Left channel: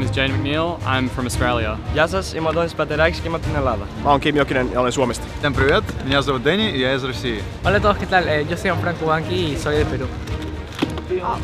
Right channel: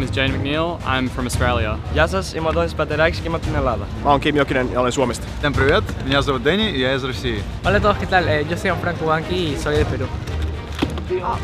name is Jane McNeil. I'm from Australia. Γεια σας, είμαι ο Αντώνης Πατεράκης και είμαι από την Ελλάδα. Mä oon Kim Jokinen ja olen Suomesta. Всем привет, меня зовут Дэнни, и я из России. Hola a todos, ¿qué tal? Yo soy Franco Banqui y soy de Perú.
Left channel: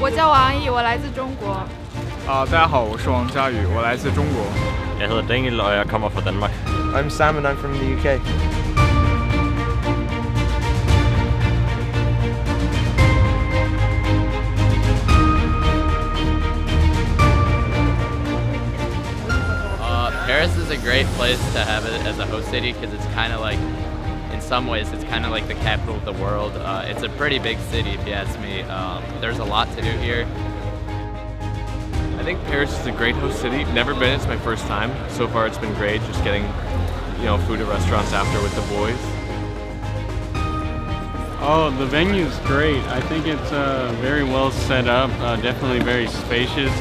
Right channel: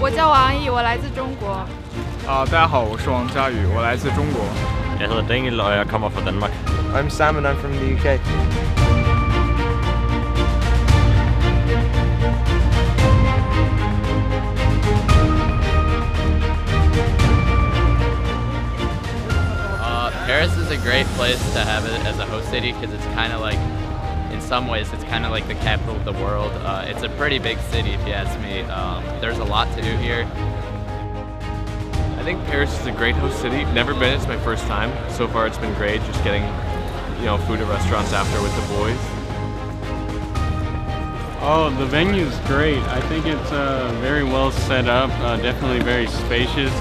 我叫王毅，我来自中国。大家好，我是王佳宇，我来自中国。 Jeg hedder Daniel, og jeg kommer fra Danmark. I'm Sam and I'm from the UK. Paris is a great place to have it as a host city because it's kind of like, in some ways, it's kind of like the capital of the world. It's a pretty big city if you ask me. There's a lot to do here. I think Paris is a great host city. Never been, it's my first time. So far it's been great, just getting, food at restaurants after with the boys. Oh, the venue's great. I think it's very well set up, definitely very spacious.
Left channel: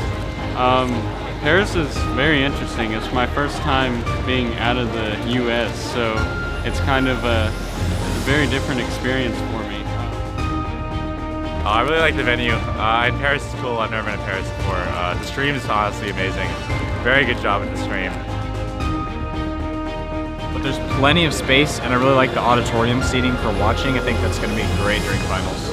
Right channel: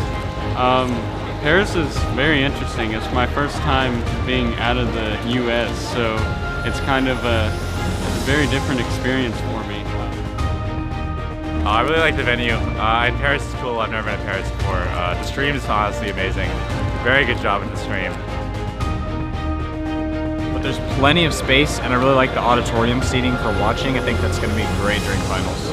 Paris is very interesting. It's my first time being out of the US, so it's kind of a very different experience for me. I really like the venue. Paris is cool. I've never been to Paris before. The stream is honestly amazing. Very good job with the stream. But there's plenty of space, and I really like the auditorium seating for watching. I think that's going to be great during finals.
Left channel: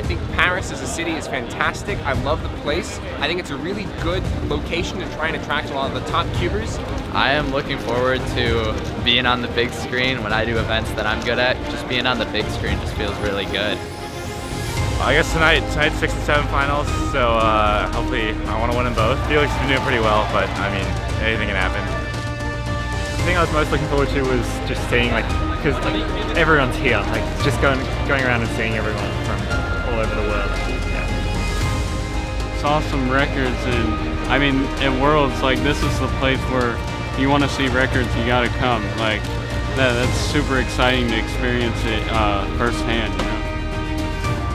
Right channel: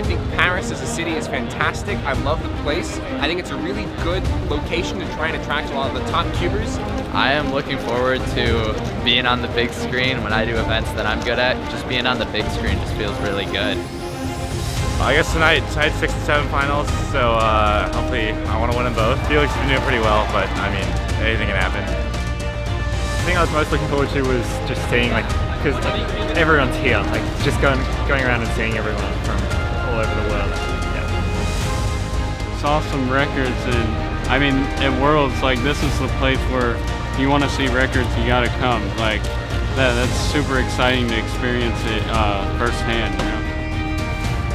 I think Paris as a city is fantastic. I love the place. I think it's a really good location to try and attract a lot of the top cubers. I am looking forward to being on the big screen when I do events that I'm good at. Just being on the big screen just feels really good. I guess tonight's 6 and 7 finals, so hopefully I want to win them both. Felix has been doing pretty well, but I mean, anything can happen. The thing I was most looking forward to was just seeing, because everyone's here, just going around and seeing everyone from all over the world. Yeah. Saw some records, and I mean, at Worlds, this is the place where if you want to see records, you gotta come. That's super exciting to experience it firsthand,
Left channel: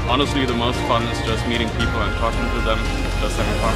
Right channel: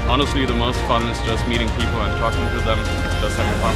Honestly, the most fun is just meeting people and talking to them, just having fun.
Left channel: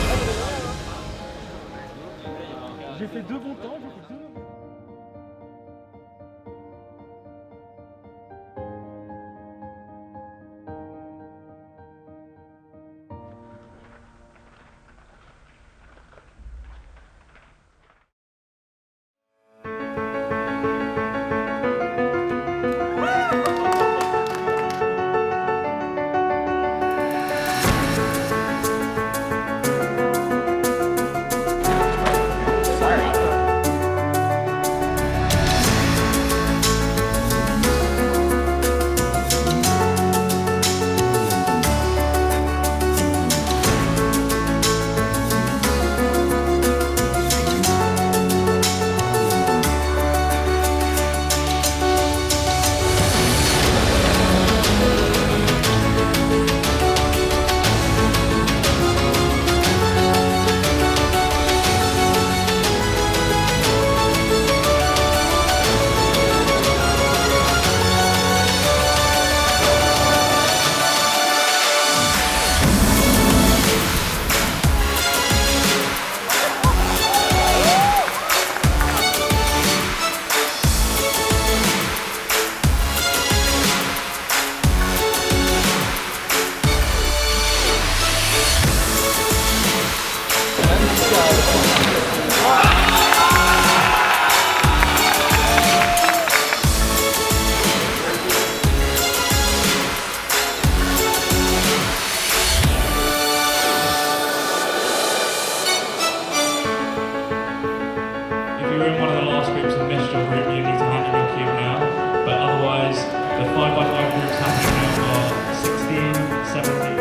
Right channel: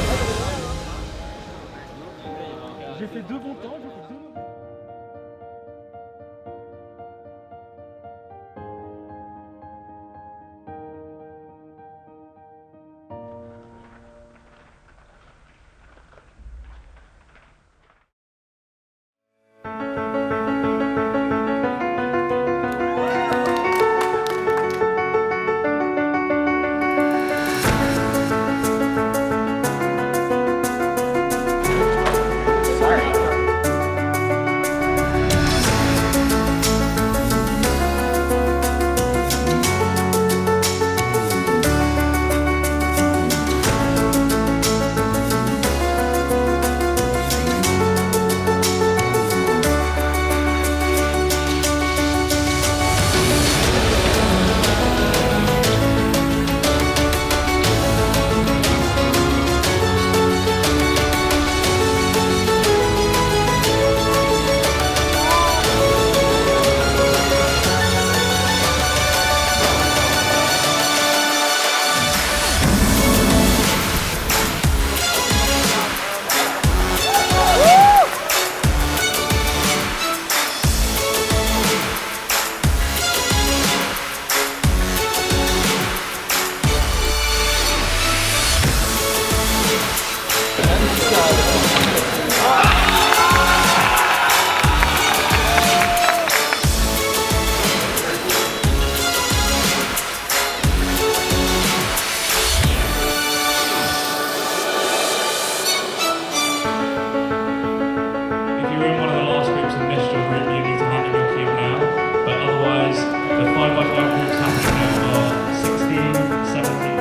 If you're in one of the last groups and missed your group, you need to hand in your cube now. But otherwise, the 5x5 groups happening now are 16, 17.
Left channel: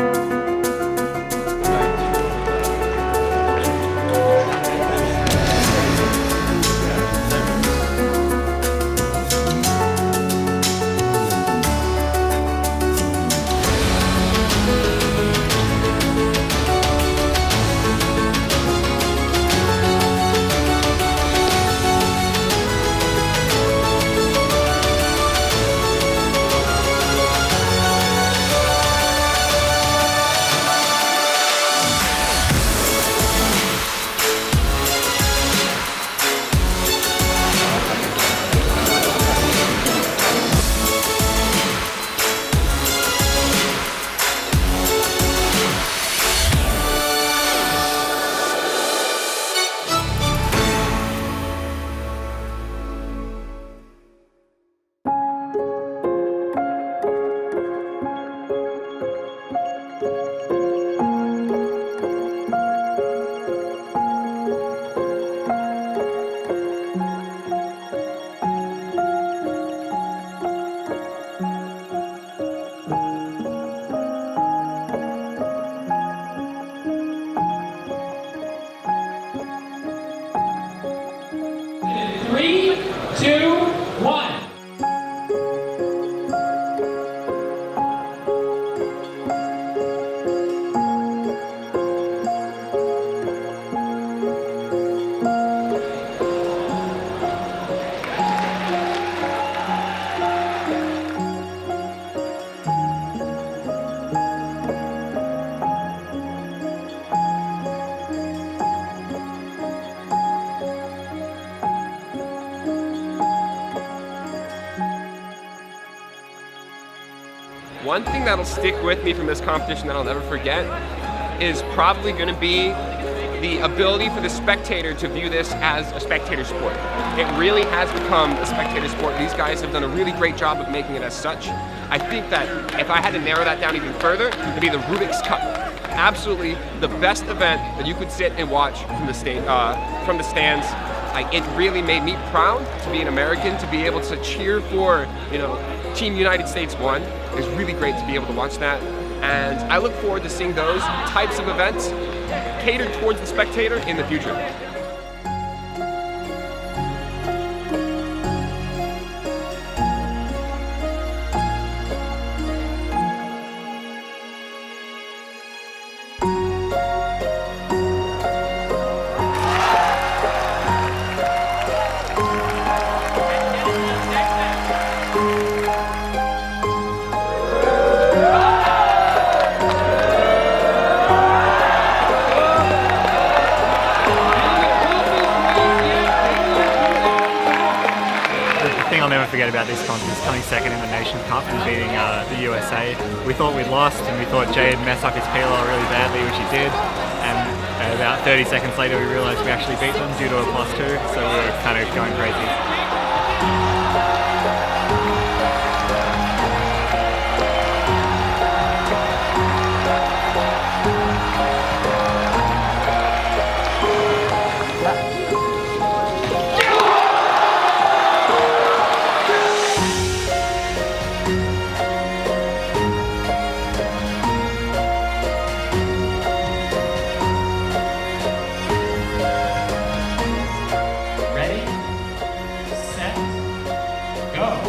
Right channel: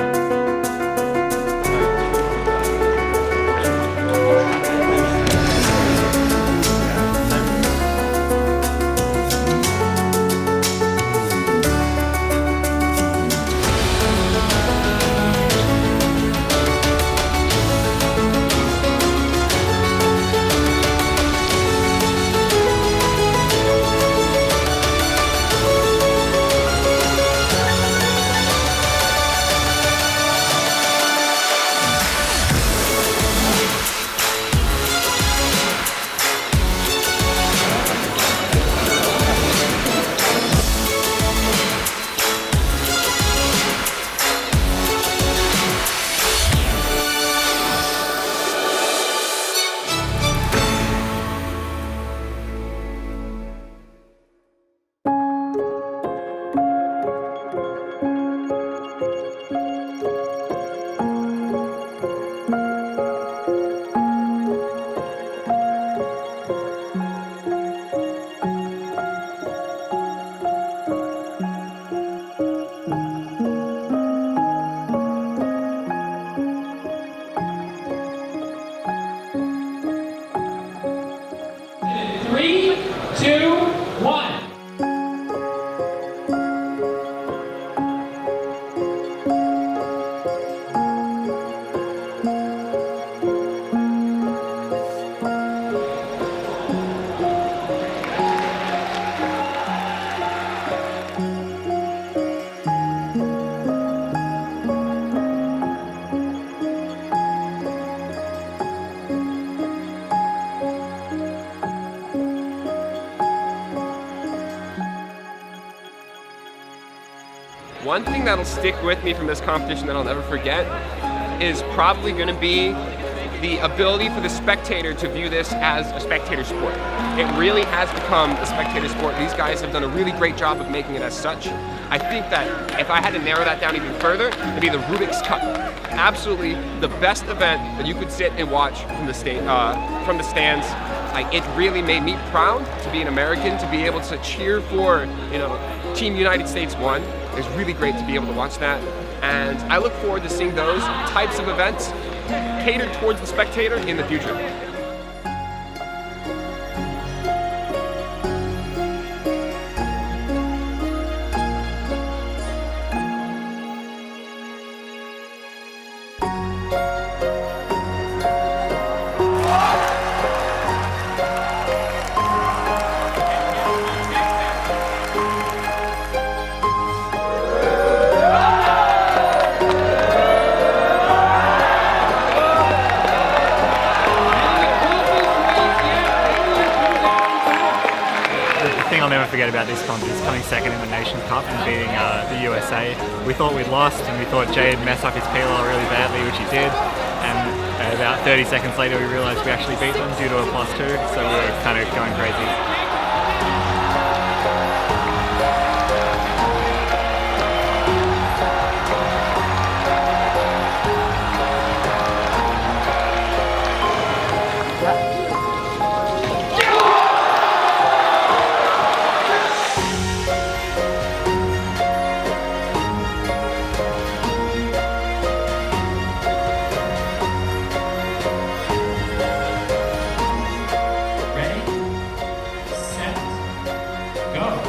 3, 2, 1. One thing that'll stick with me from this competition that I'll never forget is probably going to be the ability for the spectator to view this as a spectator sport. It really has become a spectator sport. These guys have done a really great job of making it as such. I think that if I had to narrow that down even further, it'd be the Rubik's Cup. Absolutely the best event that you could sit and watch from the stands. It really made me proud to be an American, to be able to cheer for, Team United States won. It was really great to be able to watch that. And I look forward to seeing those types of events catered towards the spectator in the future. I'll never forget about this contest is coming second in the Nations Cup and beating the USA. We thought we'd lost and we thought Jay had messed up his PLL really badly, which he did, and about 30 seconds later we realised we actually beat them due to a +2, so we were kind of going crazy. Ready, set, go.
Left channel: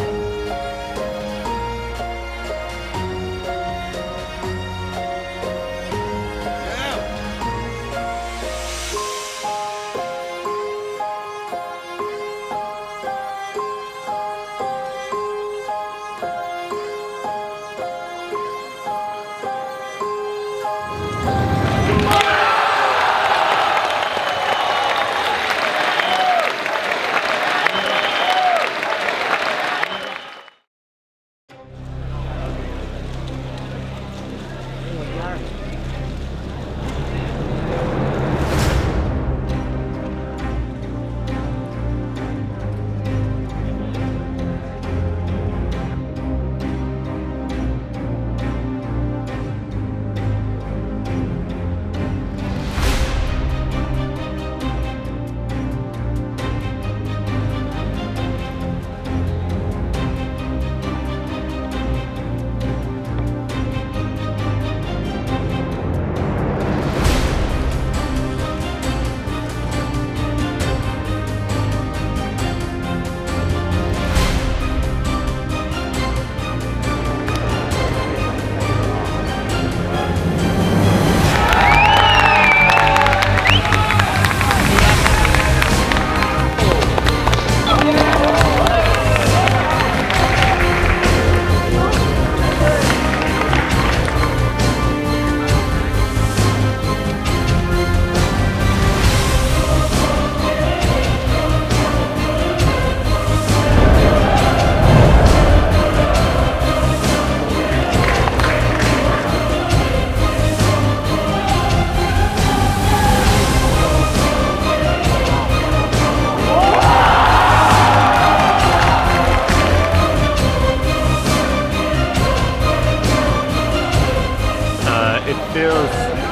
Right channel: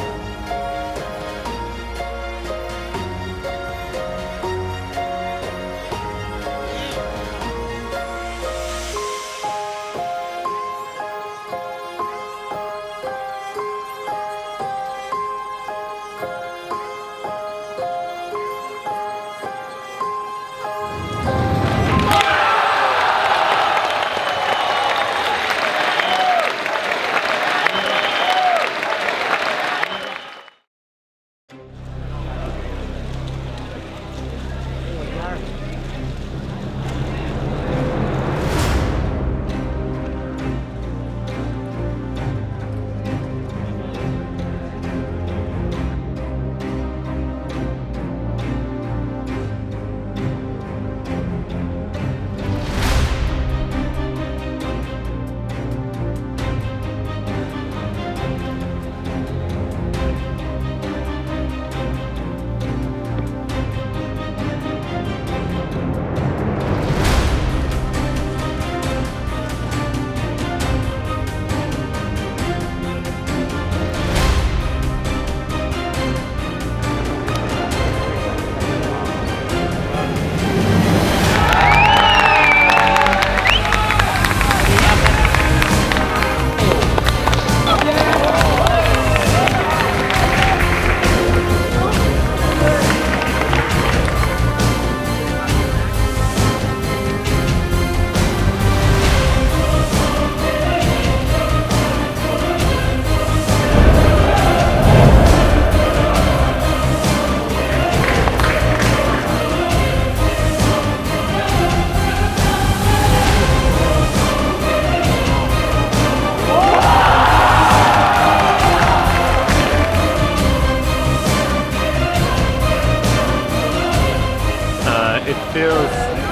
It feels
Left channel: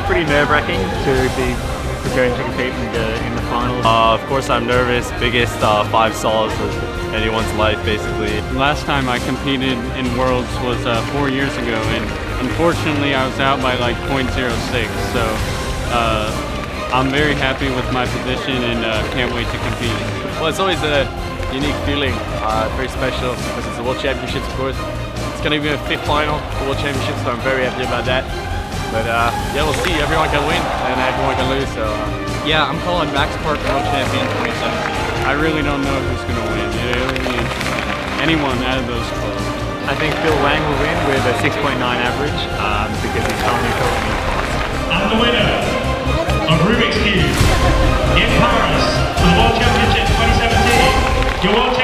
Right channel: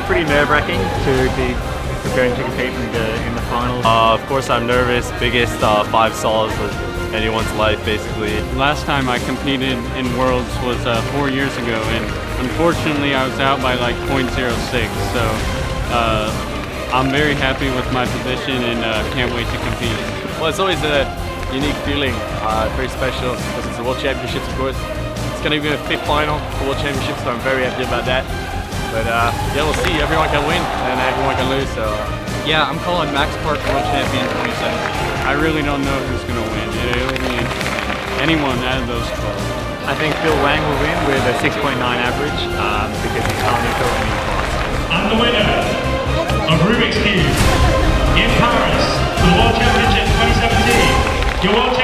pretty nerve-wracking to be preparing to compete in the finals. Of course I'm nervous. Biggest 5 sols of anyone's life, basically. Last time I competed in Worlds was 4 years ago, and unfortunately I was out by like 0.06, so I'm very happy with my position and can't wait to compete. Well, it's always a unique feeling, very special because it's the World Championships, of course. It's going to be my 5th final for World Championships, so I'm very happy about that. But yeah, we'll see. Everyone can win and everyone can lose. So yeah, I'm calling Max Park World Champion 2017. I really don't know who's going to win. It'll be interesting. Anyone out of those 12. I think Phil Wang will win with a 6.9 average because he's currently built a new class. And the winner of Rubik's Cube in Paris for the World Championship 2017, your World